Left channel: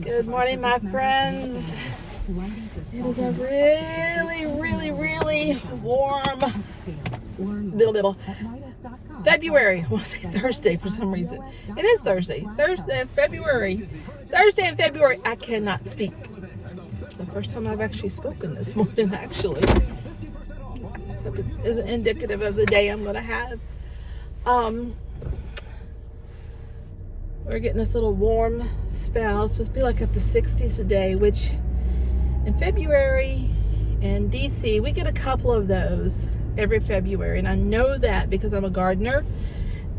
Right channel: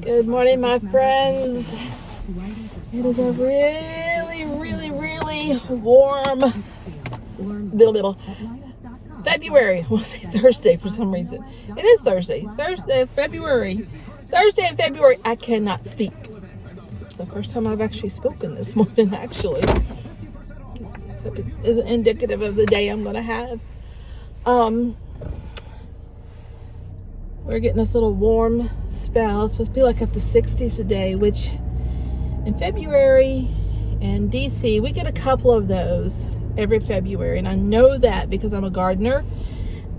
Good morning, my friends. It is a really warm February. We'll say Thursday for some reason. It is Thursday. February. Thursday in February. I cannot speak. It's the first time I've actually spoken this morning, actually. Hope it isn't indicative of the day I'm going to have. We're getting this little warm spell. It's supposed to be like up to 60s today, which in February in DC, we get a couple of those every February. And I know that because I'm a gardener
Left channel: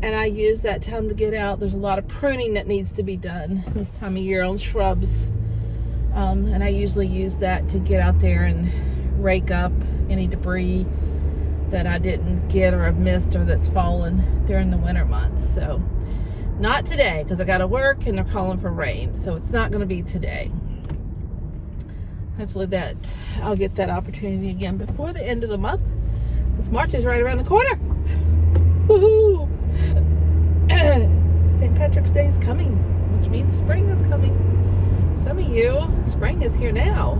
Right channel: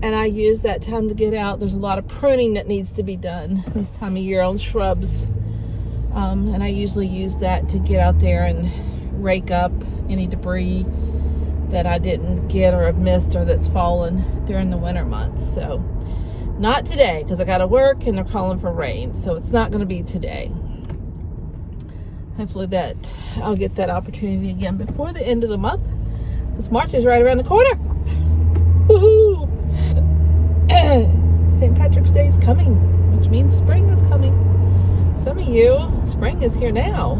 and I use that time to get out. There's a lot of pruning that needs to be done this time of year on shrubs. And I usually use that to get out there and rake up any debris that I didn't get or have missed or that's fallen during the winter months. So not today, because I got to work and they're calling for rain. So it's not going to be today. Hopefully that I'll get that opportunity again before the end of the month. This March is right around the corner. Woohoo! St. Patrick's Day is coming, which means spring is coming. Some of you, spring is here now.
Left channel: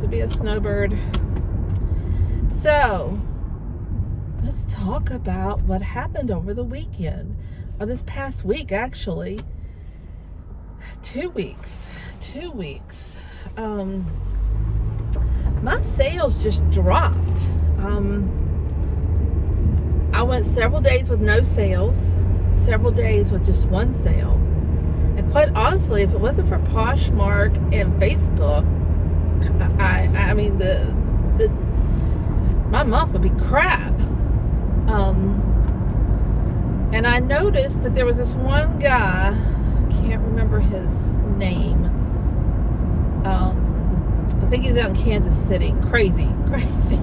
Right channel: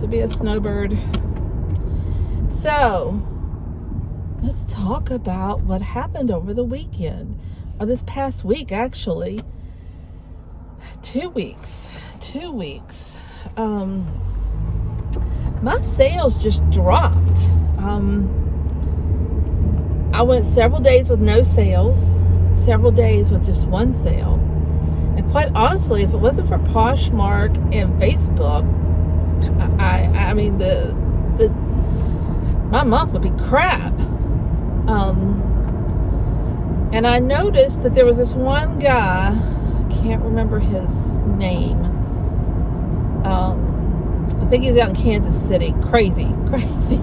To be a snowbird. So let's talk about what happened over the weekend, or this past week, actually. 2 weeks. My sales just dropped. I went several days with no sales, several days with just one sale. And quite honestly, if it wasn't for Poshmark and Facebook, I mean, my month would be crap. And I noticed that there was this one guy, I can't remember his name. I think he's out in Kansas City. Crazy.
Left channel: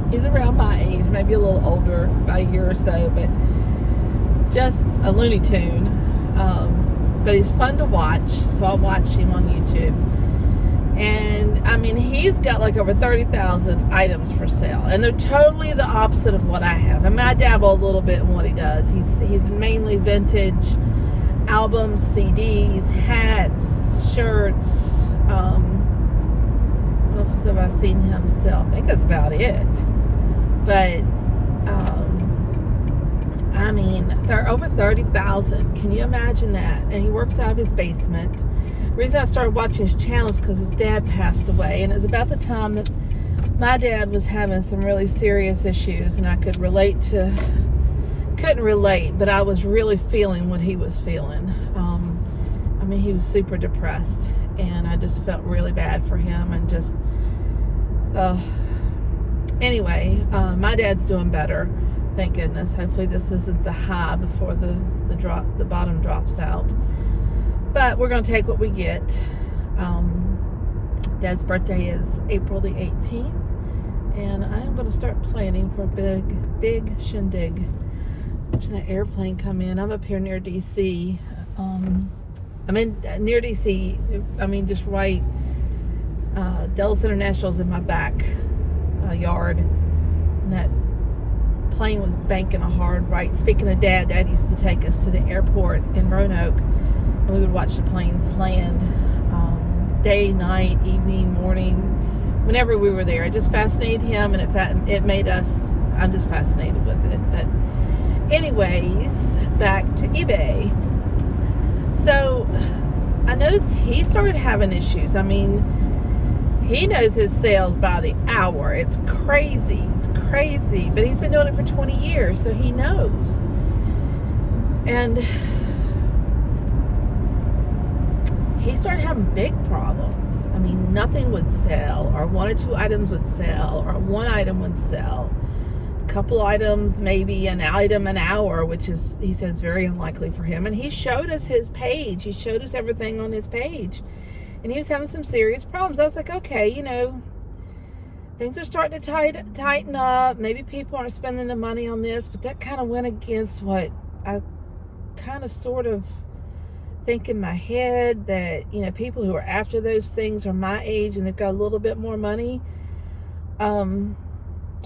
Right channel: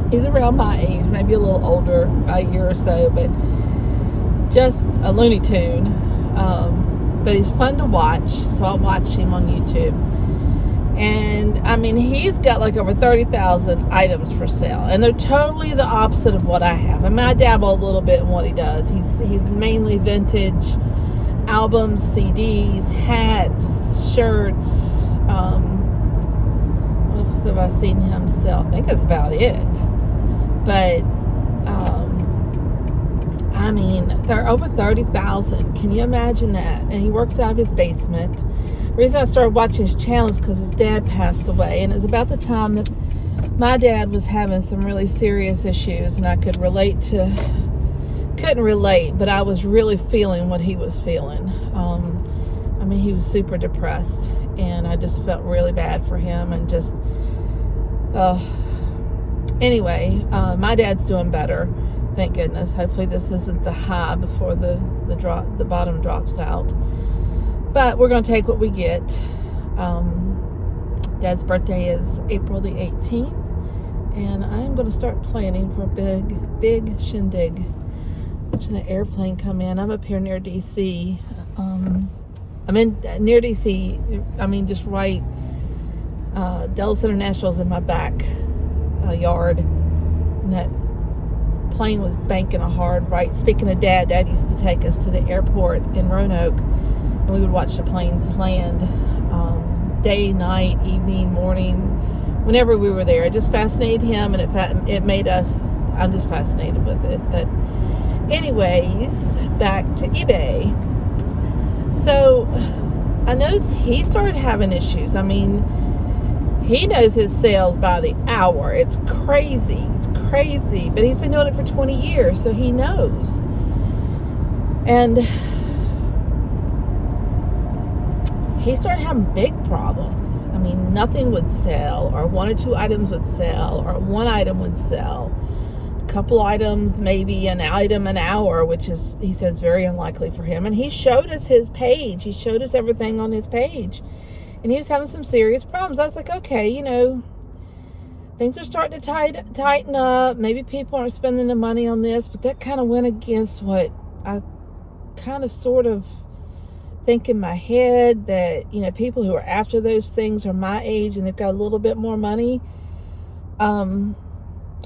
He's around my age, maybe a little older by a year or so, but just a Looney Tune. But he's fun to watch, so I'll watch him on YouTube. And I mean, he's got like over 30,000 items for sale, and they're totally the opposite of what I have. And I dabble a little bit in what he does. He's mainly vintage albums, CDs, hats, shirts. What else have I seen him sell? I think that's about it. But I mean, they're over 30,000. Can you imagine that? And he works out of his basement. The reason I started watching his channel is because his dad passed away, and it was about the time that my dad was having some really serious issues, and I couldn't relate, but I was really feeling what he was feeling. I mean, he was super depressed, and I just felt really bad for him, and just anyway, my dad's doing better, thank goodness. Hopefully this isn't the high before the bottom drops out. But we're going to take what we get. Dad's birthday is April the 18th. And I'm going to start planning for a big shindig. Watching an airplane come in. I'm up here near D.C. Near D.C. I mean, just right. Dulles International's in my back yard. And that plane was banking a hard right. Speaking of Dad used to take us to the airport in Roanoke. And we would watch the planes land day, night, evening, morning, whenever we were there. It just fascinated him, and it made us, I'm just fascinated with it. But anyways, back to eBay. So I noticed he started having issues. I mean, he knows his sales by the hour. It's crazy. But he's been doing it for 20 years, so he knows. And he started having big problems. I mean, nothing would sell, or one or two items would sell, or one item would sell. A couple items, maybe an item an hour, which is, he says, very unlikely for him. And he showed us his page. He showed us everything on his page. And he was having some serious problems. I was like, okay, you know, things are starting to tighten up. Maybe people aren't spending the money on this, but that kind of went against what I kind of sort of think in my head, that, you know, people who are after those things are my age and they've got a little bit more money. Or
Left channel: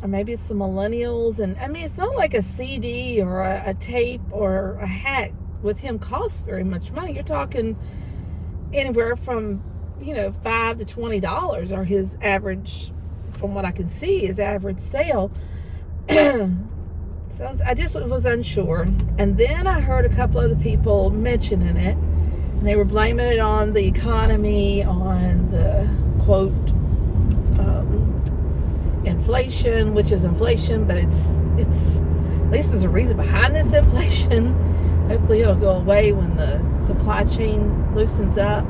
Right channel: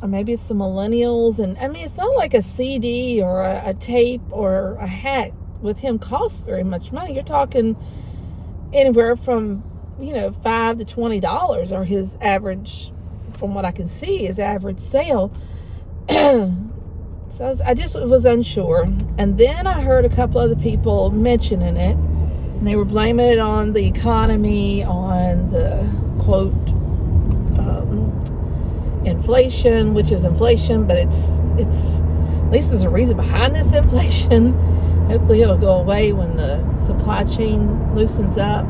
maybe it's the millennials. And I mean, it's not like a CD or a tape or a hat with him cost very much money. You're talking anywhere from, $5 to $20 are his average, from what I can see, his average sale. So I just was unsure. And then I heard a couple other people mentioning it, and they were blaming it on the economy, on the quote, inflation, which is inflation, but it's at least there's a reason behind this inflation. Hopefully it'll go away when the supply chain loosens up.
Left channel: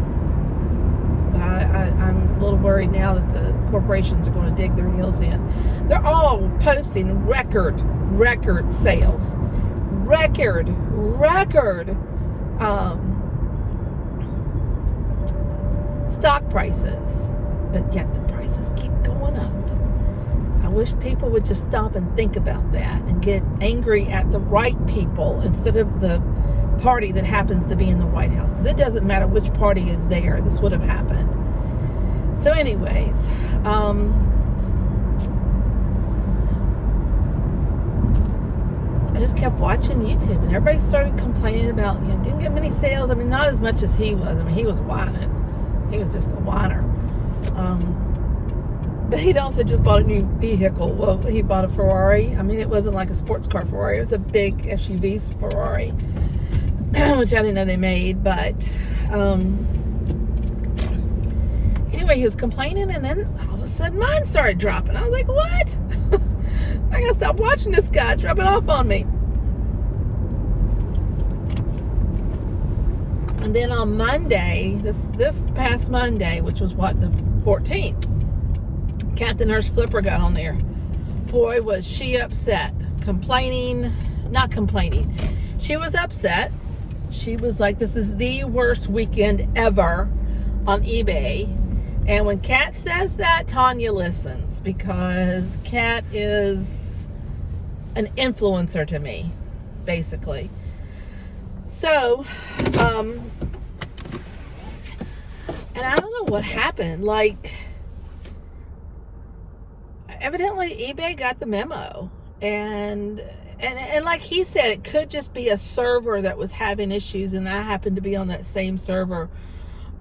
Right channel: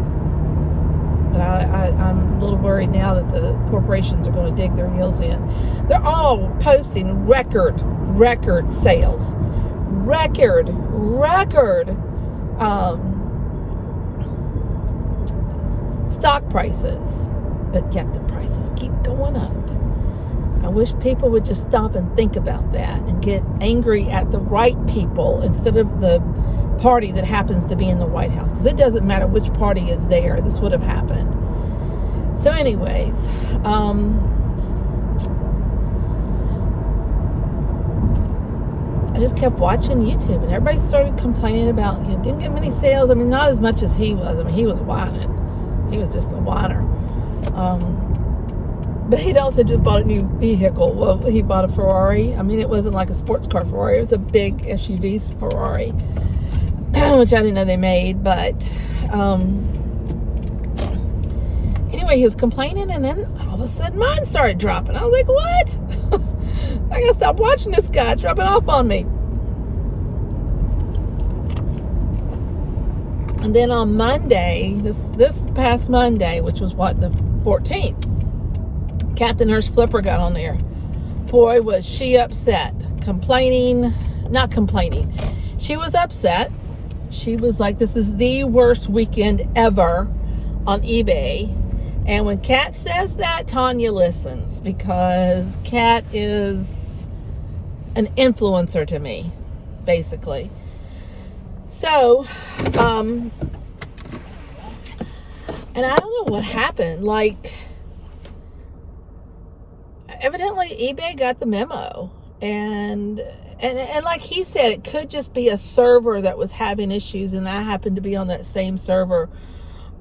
But I'm a little worried now that the corporations are going to dig their heels in. They're all posting record sales, record stock prices, but yet the prices keep going up. I wish people would just stop and think about that and get angry at the right people instead of the party that happens to be in the White House, because it doesn't matter which party is there. This would have happened. So anyways, I just kept watching YouTube, and everybody started complaining about, didn't get many sales. I mean, not as much as he was. I mean, he was whining. He was just a whiner. But he'd also just bought a new vehicle. Well, he bought a Ferrari. I mean, it wasn't like a sports car Ferrari. It was a big SUV Ferrari, which I didn't know they made. But anyway, he was complaining, and then all of a sudden mine started dropping. I was like, what? I gotta stop watching this guy dropping off on me. And then on Monday, this past Monday, which was what, the 14th, Kat the Nurse Flipper got on there. Boy, was she upset. Not complaining. She was upset. She was like, this is the worst weekend ever on eBay. And when Kat says that, Tanya listens, because Kat is an influencer to me, basically. So, and I don't know what happened. Like, evidently eBay got the memo, and like he said, it could just be a server that was having issues, and I happened to be on that same server,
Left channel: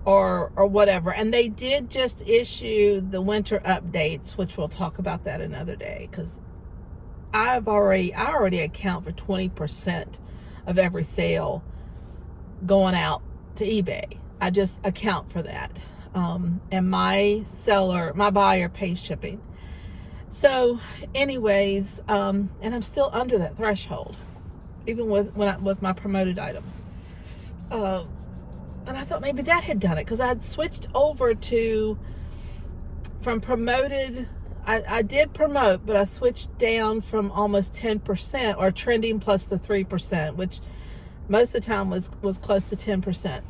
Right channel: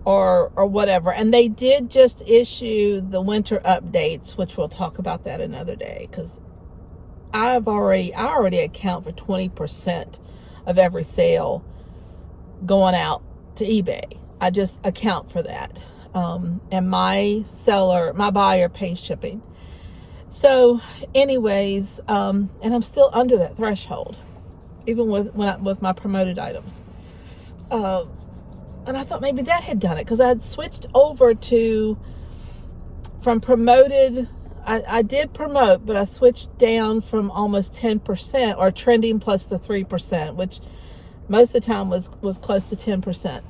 or whatever. And they did just issue the winter updates, which we'll talk about that another day, because I already account for 20% of every sale going out to eBay. I just account for that, and my buyer pays shipping. So anyways, and I'm still under that threshold, even with my promoted items. And I thought maybe that had done it, because I had switched over from promoted. I did promote, but I switched down from almost 10%, or trending plus the 3%, which most of the time was close to 10%.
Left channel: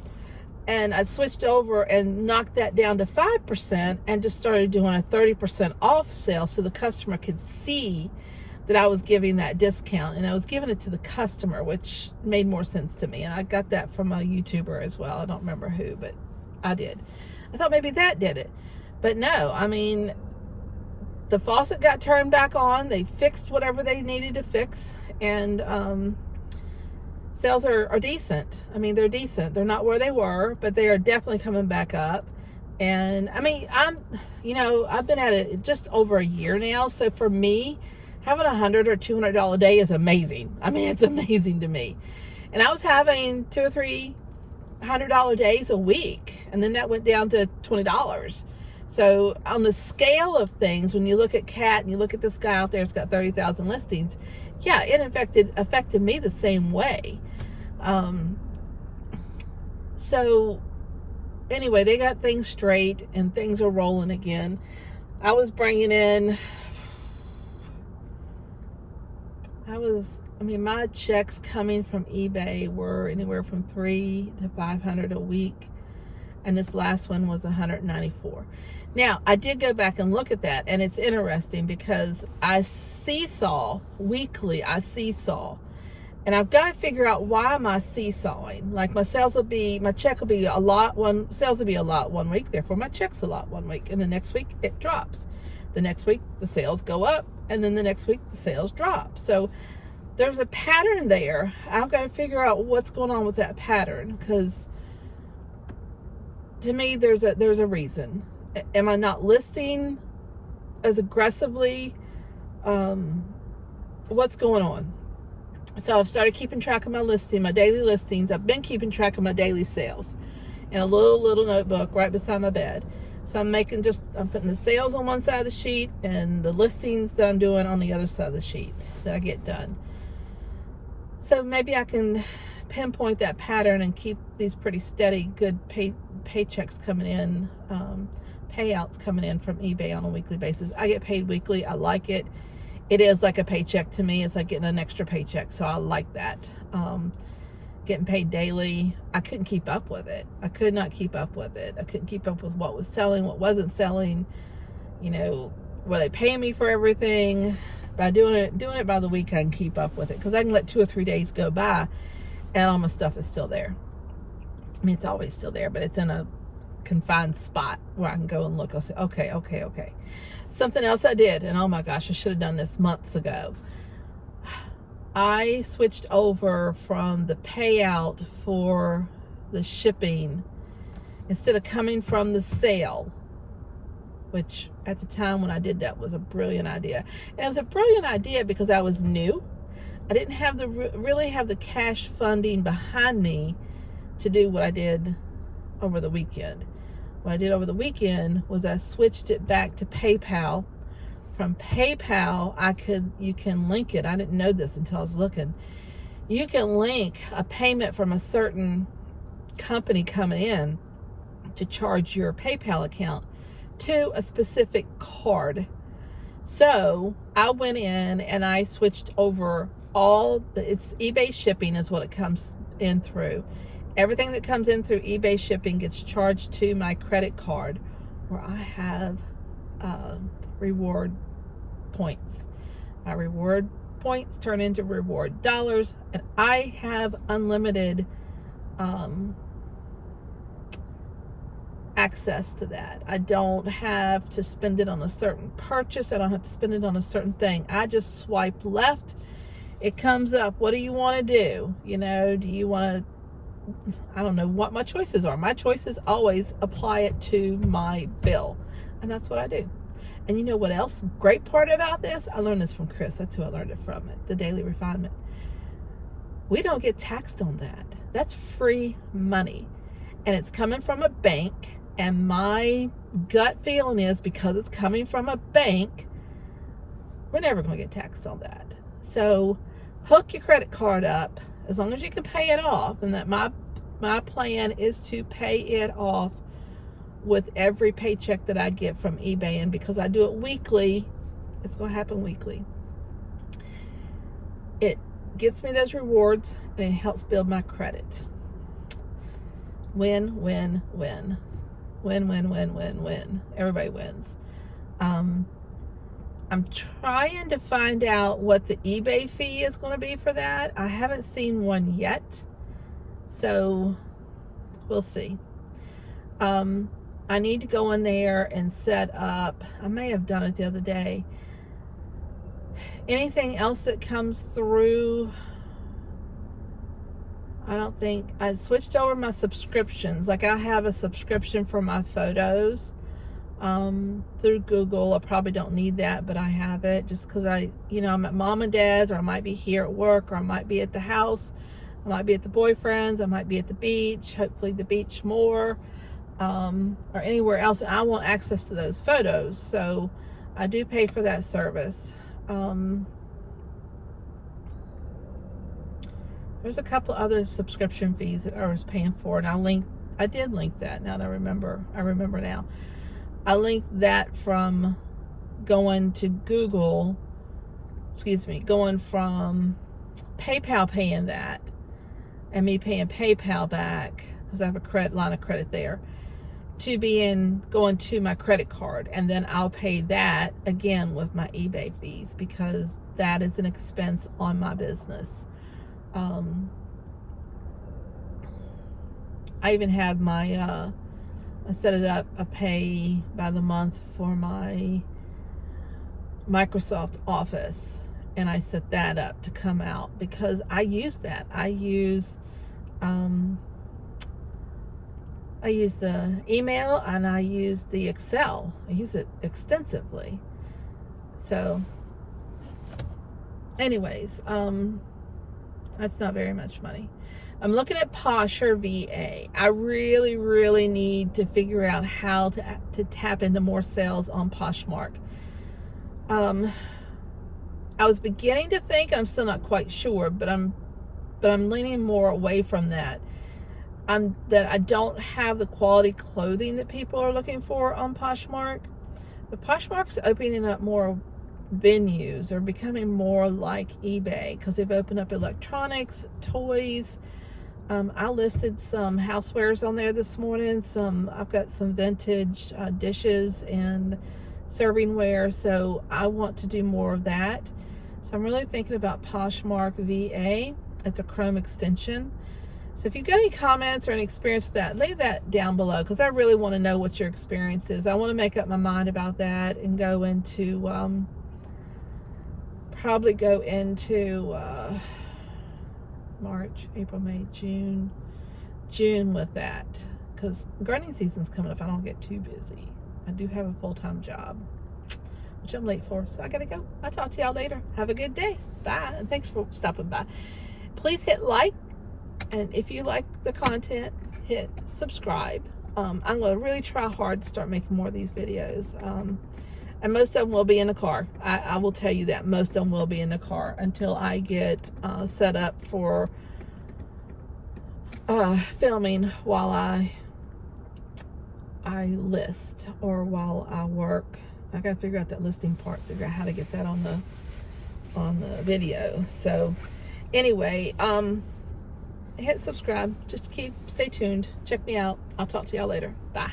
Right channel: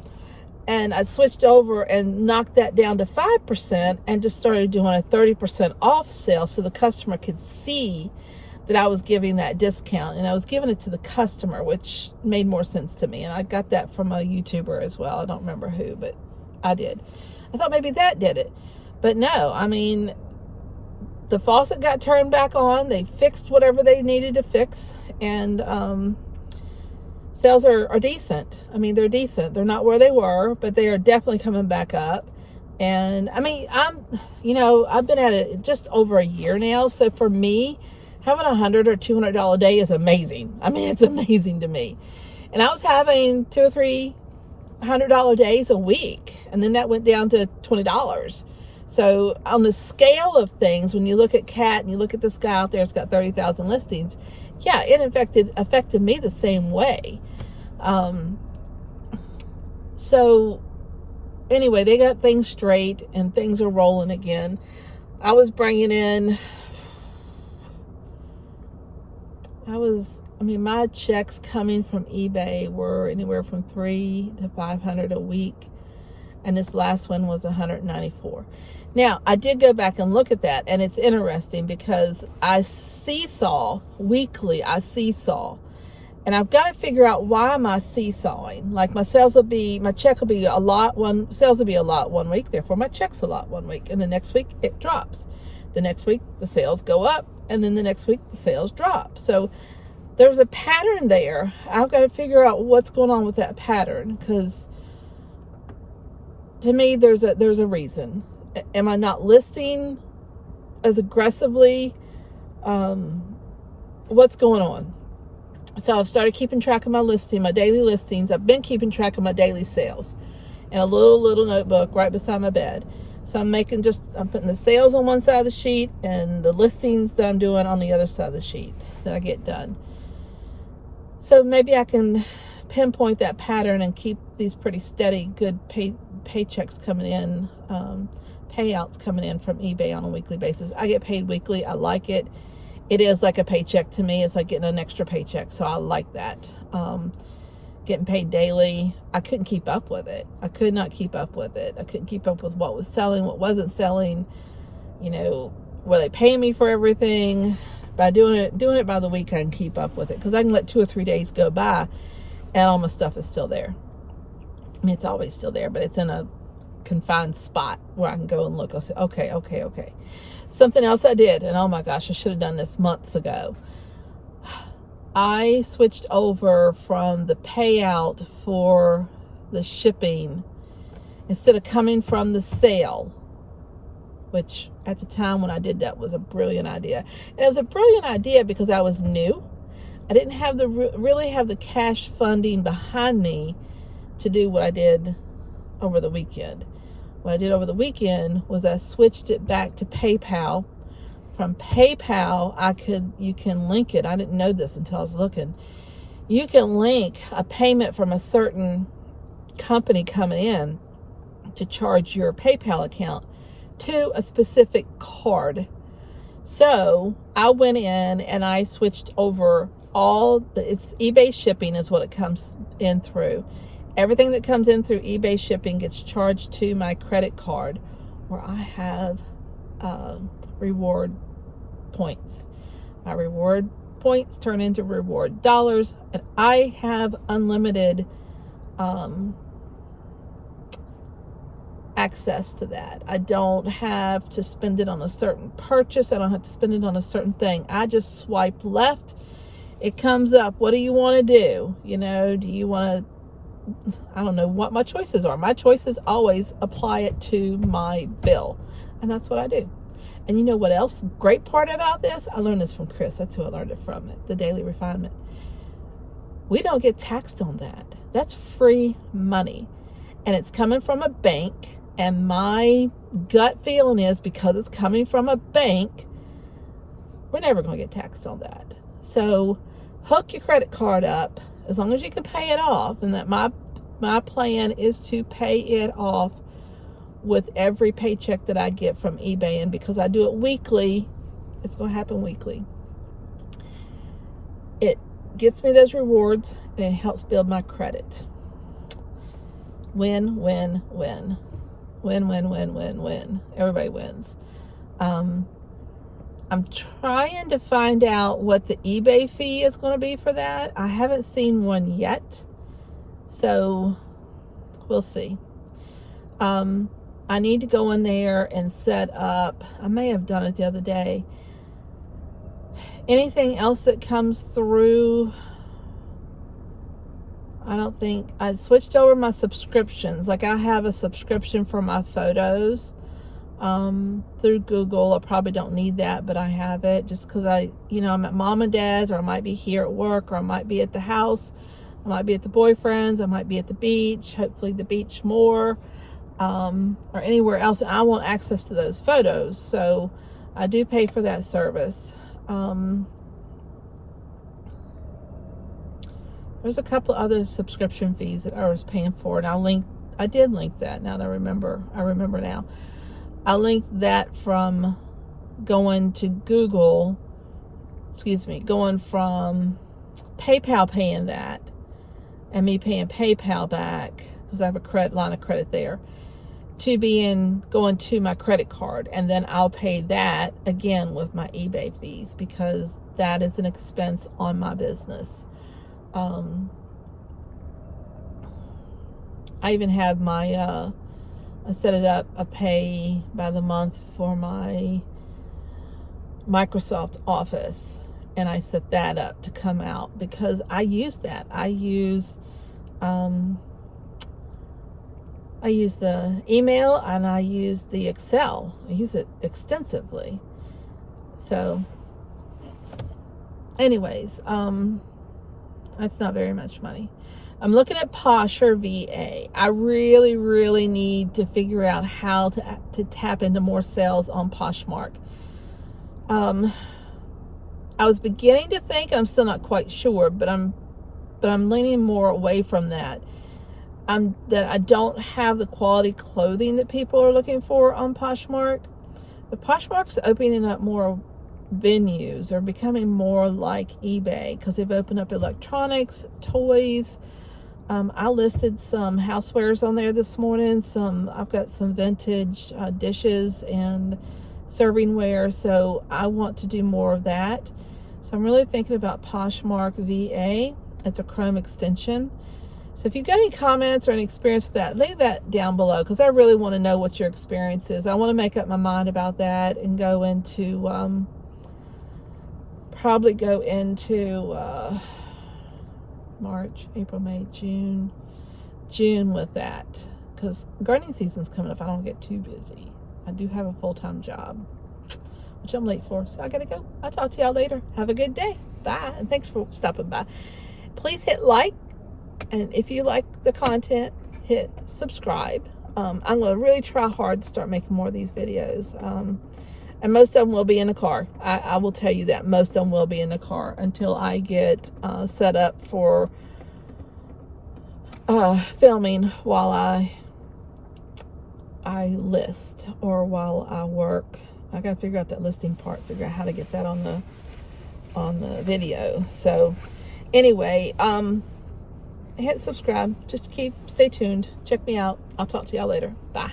And I switched over and knocked that down to 5%, and just started doing a 30% off sale, so the customer could see that I was giving that discount, and I was giving it to the customer, which made more sense to me. And I got that from a YouTuber as well. I don't remember who, but I did. I thought maybe that did it, but no. I mean, the faucet got turned back on. They fixed whatever they needed to fix, and sales are decent. I mean, they're decent. They're not where they were, but they are definitely coming back up. And I mean, I've been at it just over a year now. So for me, having $100 or $200 day is amazing. I mean, it's amazing to me. And I was having $200 or $300 days a week, and then that went down to $20. So on the scale of things, when you look at Kat and you look at this guy out there, it's got 30,000 listings. Yeah, it affected me the same way. So anyway, they got things straight and things are rolling again. I was bringing in, my checks coming from eBay were anywhere from $300 to $500 a week. And this last one was $194. Now, I did go back and look at that, and it's interesting because I seesaw weekly. And I've got to figure out, why am I seesawing? Like, my check will be a lot sales will be a lot one week, therefore my check's a lot one week, and the next week it drops. The next week the sales go up, and then the next week the sales drop. So there's a pattern there. I've got to figure out what's going on with that pattern, because to me, there's a reason. Am I not listing as aggressively? What's going on? So I've started keeping track of my daily listings. I've been keeping track of my daily sales in a little notebook right beside my bed. So I'm putting the sales on one side of the sheet and the listings that I'm doing on the other side of the sheet that I get done. So maybe I can pinpoint that pattern and keep these pretty steady, good paychecks coming in, payouts coming in from eBay on a weekly basis. I get paid weekly. I like it. It is like a paycheck to me. It's like getting an extra paycheck. So I like that. Getting paid daily, I couldn't keep up with it. I could not keep up with it. I couldn't keep up with what was selling, what wasn't selling. Were they paying me for everything? By doing it by the week, I can keep up with it, because I can let 2 or 3 days go by and all my stuff is still there. I mean, it's always still there, but it's in a confined spot where I can go and look. I'll say, okay. Something else I did, and oh my gosh, I should have done this months ago. I switched over from the payout for the shipping, instead of coming from the sale, which at the time when I did that was a brilliant idea. And it was a brilliant idea because I was new. I didn't have really have the cash funding behind me to do what I did over the weekend. What I did over the weekend was I switched it back to PayPal. From PayPal, you can link it. I didn't know this until I was looking. You can link a payment from a certain company coming in to charge your PayPal account to a specific card. So I went in and I switched over it's eBay shipping is what it comes in through. Everything that comes in through eBay shipping gets charged to my credit card, where I have reward points. My reward points turn into reward dollars, and I have unlimited access to that. I don't have to spend it on a certain purchase. I don't have to spend it on a certain thing. I just swipe left. It comes up. What do you want to do? Do you want to, I don't know what my choices are. My choices always apply it to my bill, and that's what I do. And you know what else? Great part about this? I learned this from Chris. That's who I learned it from, the Daily Refinement. We don't get taxed on that. That's free money. And it's coming from a bank. And my gut feeling is, because it's coming from a bank, we're never going to get taxed on that. So hook your credit card up as long as you can pay it off. And that my plan is to pay it off with every paycheck that I get from eBay. And because I do it weekly, it's going to happen weekly. It gets me those rewards and it helps build my credit. Win, win, win. Win, win, win, win, win. Everybody wins. I'm trying to find out what the eBay fee is going to be for that. I haven't seen one yet, so we'll see. I need to go in there and set up, I may have done it the other day, anything else that comes through. I don't think I switched over my subscriptions. Like, I have a subscription for my photos through Google. I probably don't need that, but I have it just because I'm at mom and dad's, or I might be here at work, or I might be at the house, I might be at the boyfriend's, I might be at the beach, hopefully the beach more, or anywhere else. I want access to those photos, so I do pay for that service. There's a couple other subscription fees that I was paying for, and I did link that. Now that I remember now. I linked that from going to Google, going from PayPal paying that, and me paying PayPal back, because I have a line of credit there, to going to my credit card, and then I'll pay that again with my eBay fees, because that is an expense on my business. I even have I set it up, a pay by the month for my Microsoft Office, and I set that up to come out because I use that. I use the email and I use the Excel. I use it extensively. So anyways, that's not very much money. I'm looking at Posh or VA. I really need to figure out how to tap into more sales on Poshmark. I was beginning to think, I'm still not quite sure, but I'm leaning more away from that. That I don't have the quality clothing that people are looking for on Poshmark. But Poshmark's opening up more venues. They're becoming more like eBay because they've opened up electronics, toys. I listed some housewares on there this morning. I've got some vintage dishes and servingware, so I want to do more of that. So I'm really thinking about Poshmark VA. It's a Chrome extension. So if you've got any comments or any experience with that, leave that down below because I really want to know what your experience is. I want to make up my mind about that and go into, probably go into March, April, May, June with that because gardening season's coming up. I don't get too busy. I do have a full-time job, which I'm late for, so I gotta go. I'll talk to y'all later. Have a good day. Bye, and thanks for stopping by. Please hit like, and if you like the content, hit subscribe. I'm gonna really try hard to start making more of these videos. And most of them will be in the car. I will tell you that most of them will be in the car until I get set up for filming while I list or while I work. I gotta figure out that listing part, figure out how to get that on the video. So anyway, hit subscribe. Just stay tuned. Check me out. I'll talk to y'all later. Bye.